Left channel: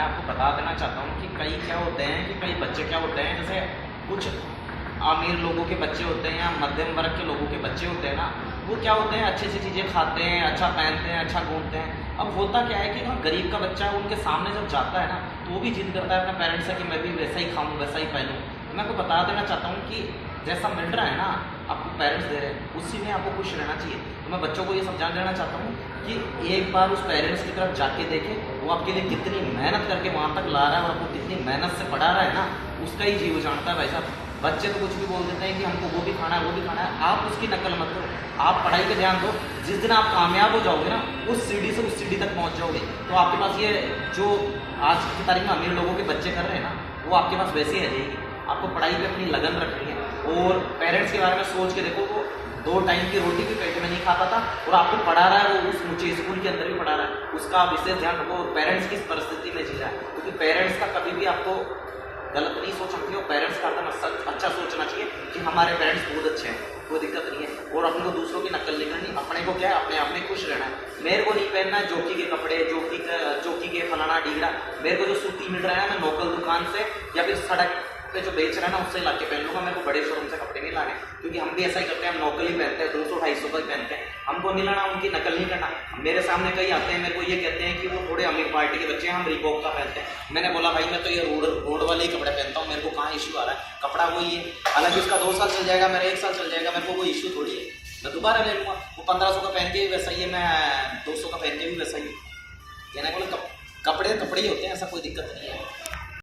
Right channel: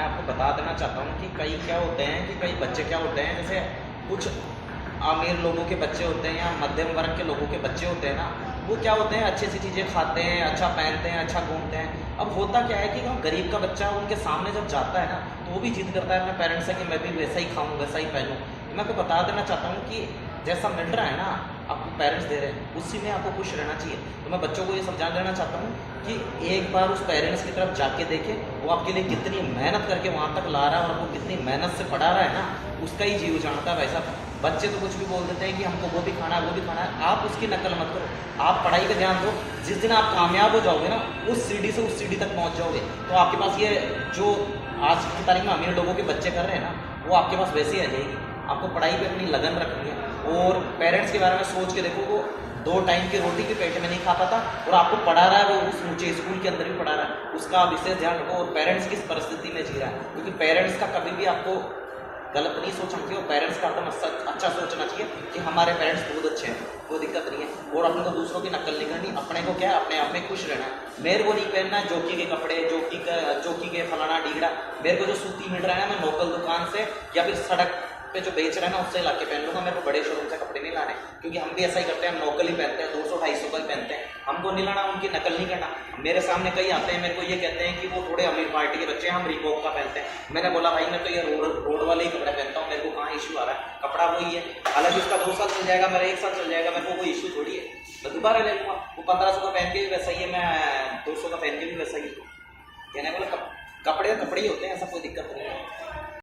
मैं आपको बता देना चाहता हूँ कि कई क्या होते हैं कि कई बच्चे क्या होते हैं, जैसे कुछ अमीर लोगों के बच्चे होते हैं या मध्यम वर्ग के लोगों के बच्चे होते हैं ना, वो क्या होते हैं अच्छी अच्छी चीज़ें खाते हैं, अच्छा पहनते हैं, अच्छा घूमते हैं। अब होता क्या है कि हम गरीब का बच्चा उनके सामने जब जाता है ना, तो वो भी जिद करता है अपने पेरेंट्स से कि मैं भी वैसा ही खाऊं, वैसा ही पहनूं। मैं आपको बता देना चाहता हूँ कि जैसा मिल रहा है ना, आपको पेरेंट्स दे रहे हैं, उसी में आपको खुश रहना चाहिए। तो मैं बच्चों को ये समझा देना चाहता हूँ कि एक बार उस पेरेंट्स की तरफ जाके देखें, वो आपके लिए कितनी मेहनत करके वहाँ तक ला रहा है और आपको कितनी मेहनत से पढ़ा रहा है ना, उसका ही जीव जानता है भाई साहब। बच्चे तो कुछ भी बोल देते हैं कि हमको वो भी खाना है, वो भी खाना है। आप उसकी नकल मत करो, आप पढ़ाई पे ध्यान दो। जिस दिन आप कामयाब हो जाओगे ना, उस सीढ़ी से उस सीढ़ी तक पहुंच जाओगे, तो आपके पास ये जो आज की तारीख में अमीर लोगों के बच्चे कर रहे हैं ना, वो आपके पास वैसे ही आ जाएगी। आपको पढ़ाई पे अपनी लगन रखनी है। और पेरेंट्स के बारे में सोच के देखो, वो 2 टाइम की रोटी भी पेट में नहीं खाता था और आपको पढ़ा रहा है, वो उस ऊंचे स्कूल के अंदर भी पढ़ा रहा है। उसका आप विशेष ध्यान रखो। पेरेंट्स किस परिस्थिति में जी रहा है, क्योंकि पेरेंट्स का कभी भी आपको गलत नहीं सोचना चाहिए और पेरेंट्स का हमें अच्छा सोचना चाहिए कि हमारे पेरेंट्स बहुत अच्छे हैं, कोई दिक्कत नहीं है। और अपने को दूसरों की नकल नहीं करनी, अपने को क्या है, अपने आप में खुश रहना है। मेरे को नहीं पहनना है जोकी के कपड़े, जोकी के फलाना डीगरा। मेरे को जो सूती मिल रहा है ना, मैं लोकल दुकान से या फिर सड़क पे जो बेच रहा है ना, उससे ला के पहन लूँगा। मेरे को बड़े शोरूम से कपड़े नहीं लाने, क्योंकि हम भी ऐसा ही करते हैं, हम लोकल ही पहनते हैं, 200-250 का ही पहनते हैं। हमको नहीं लाना, उनकी नकल नहीं करना। मेरे सामने कई आते हैं, मेरे को ये कहते हैं कि वो थोड़े अमीर पार्टी के बच्चे हैं, हम रिबॉक का पहनते हैं। मैंने बोला भाई मैं तो ये रोड वाले ही कपड़े पहनता हूँ, मेरे को कहाँ इशू आ रहा है, कपड़ा वही है। हालांकि उसका 2 साल चल जाएगा, मेरा 1 साल चल जाएगा, मेरे को कोई इशू थोड़ी है, मैं दोबारा ले लूँगा। वो 1500 का पहन के भी वैसा ही है, मैं 200 का पहन के भी वैसा ही। कहने बोला कपड़े कपड़े ही होते हैं, ऐसा कोई दिक्कत नहीं है।